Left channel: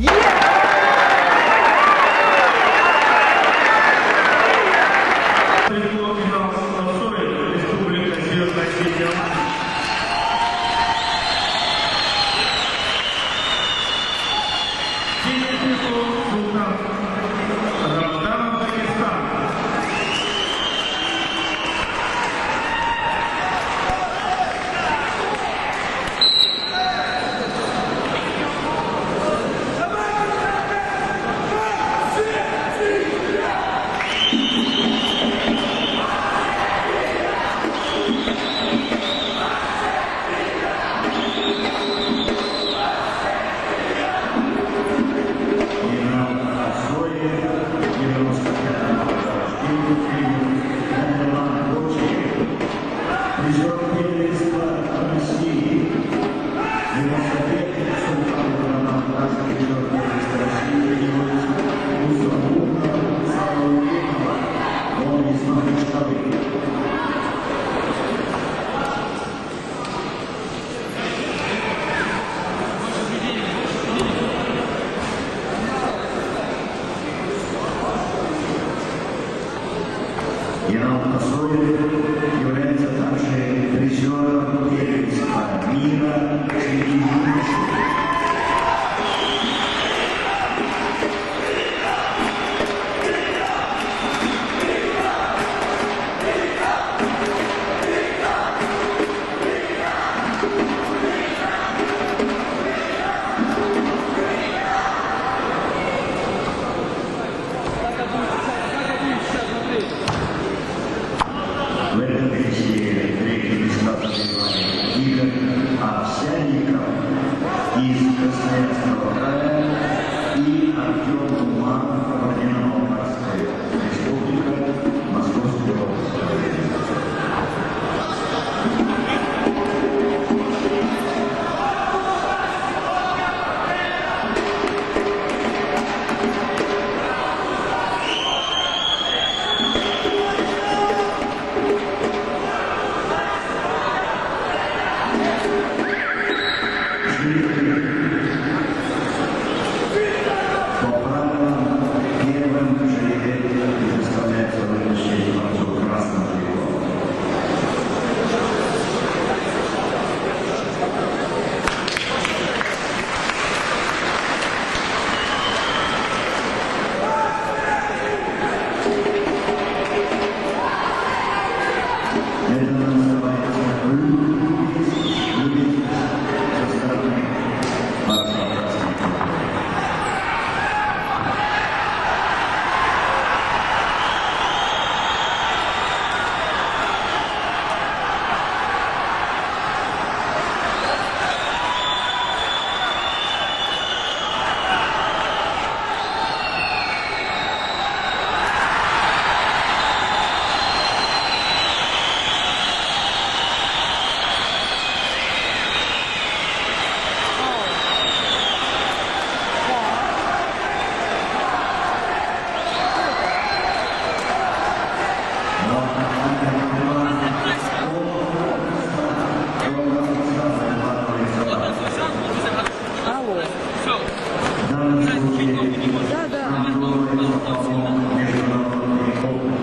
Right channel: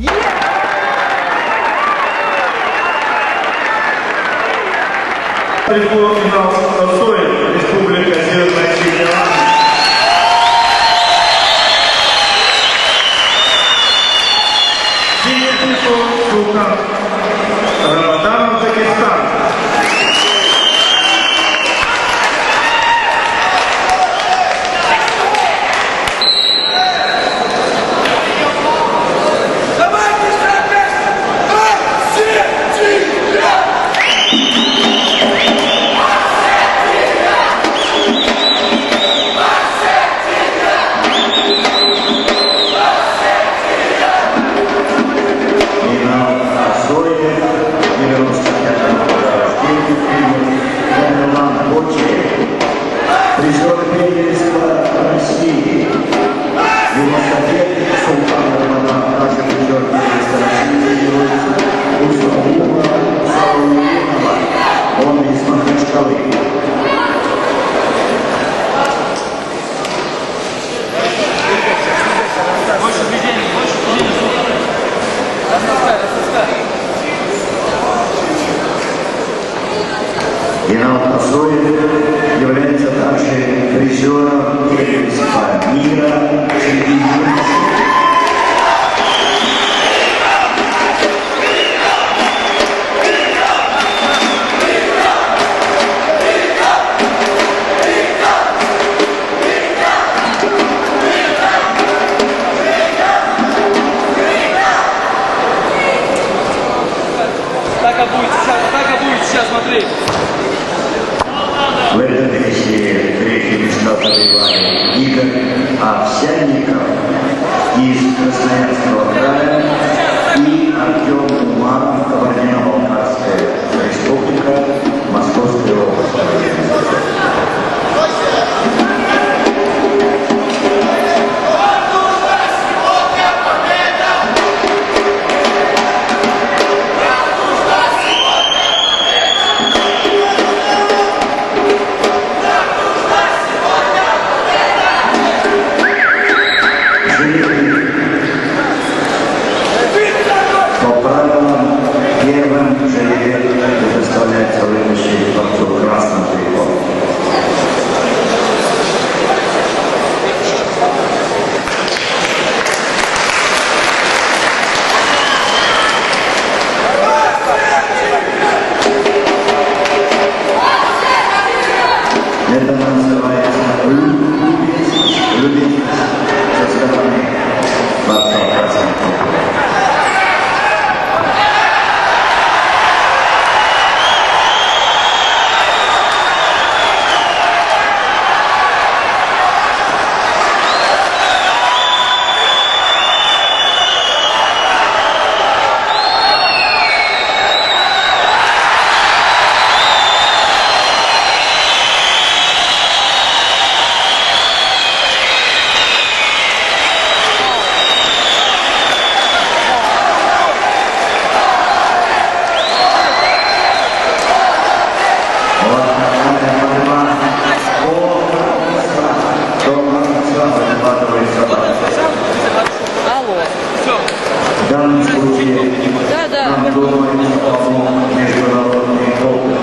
Республика Северная Осетия. Рамадан, Узбекистан. Призер первенства России. Его соперник Султан Рамадан, также призер первенства России, герой Усаула Саулинова. Он из Махачкалы. Инал Пасоев является также призером первенства мира среди юношей. В этом весе третье место завоевали Игорь Овсянников из Красноярского края и Артем Умаров, Кабардино-Балкарская республика, Московская область. По правилам первым жеребец предоставляется вытащить борцу красным триком. Это называется любезность со стороны борца красным триком. В данном случае нам думается помочь международный опыт.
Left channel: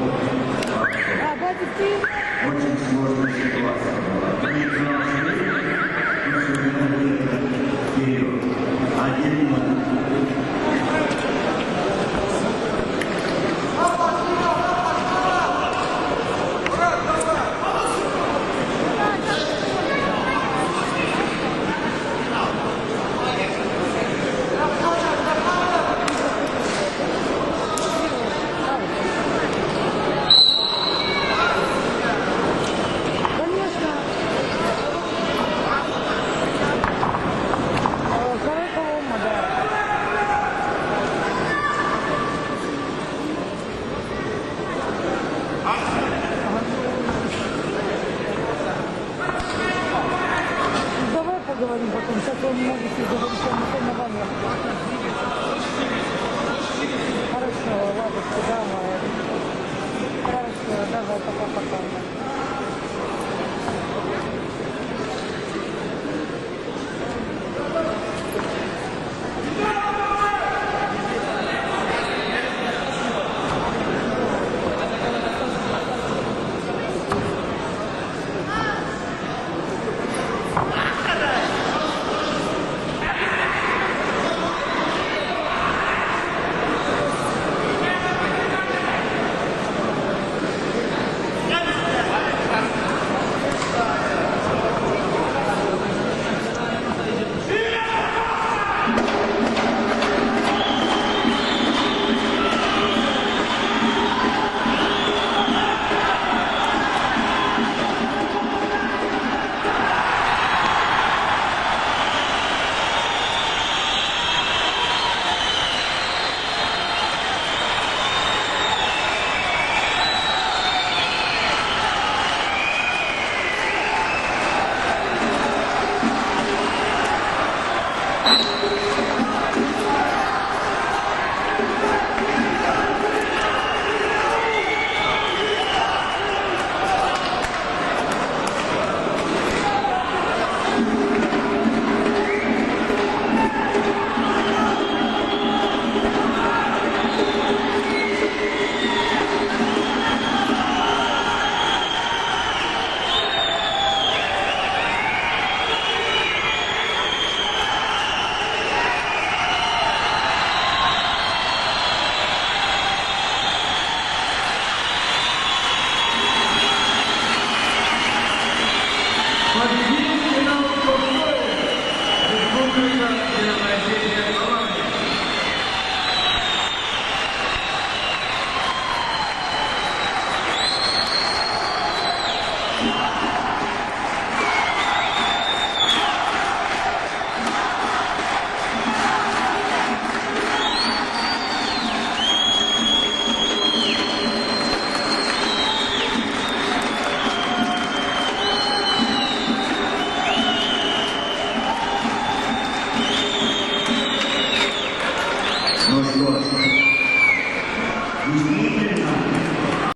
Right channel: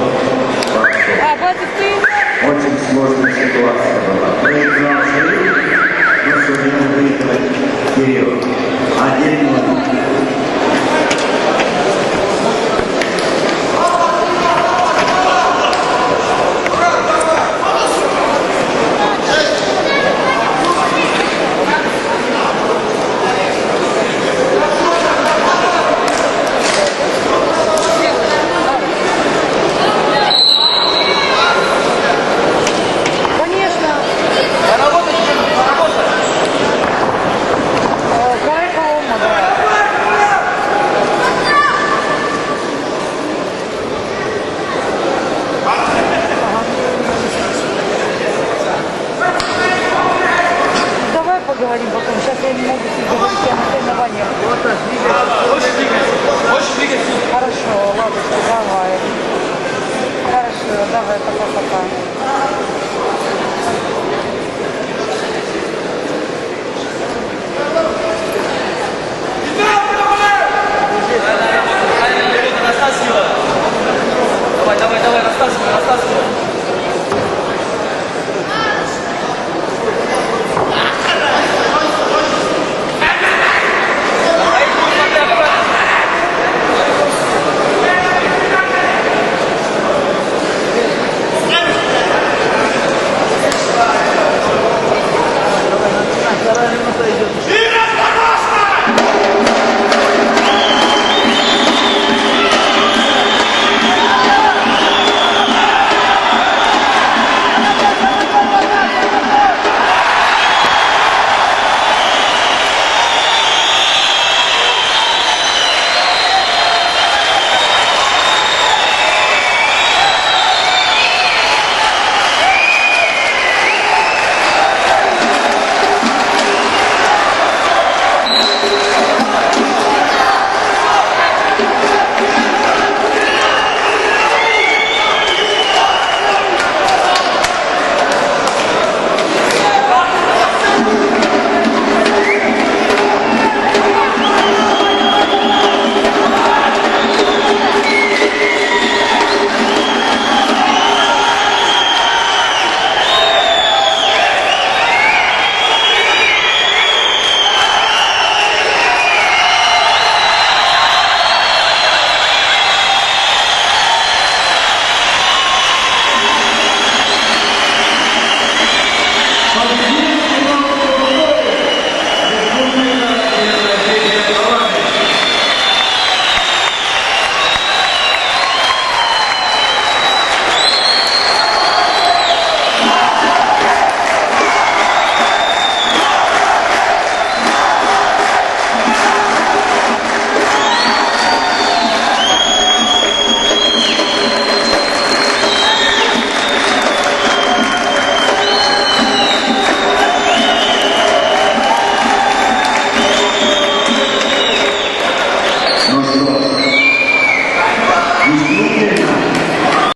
Очень сложная ситуация была. Проиграл Шериф, но сумел выиграть вперед. 1-0. Поговорим потом. Сейчас я не могу говорить о соревнованиях. Хорошо, ладушки, давай. Хорошо, давай, пока-пока.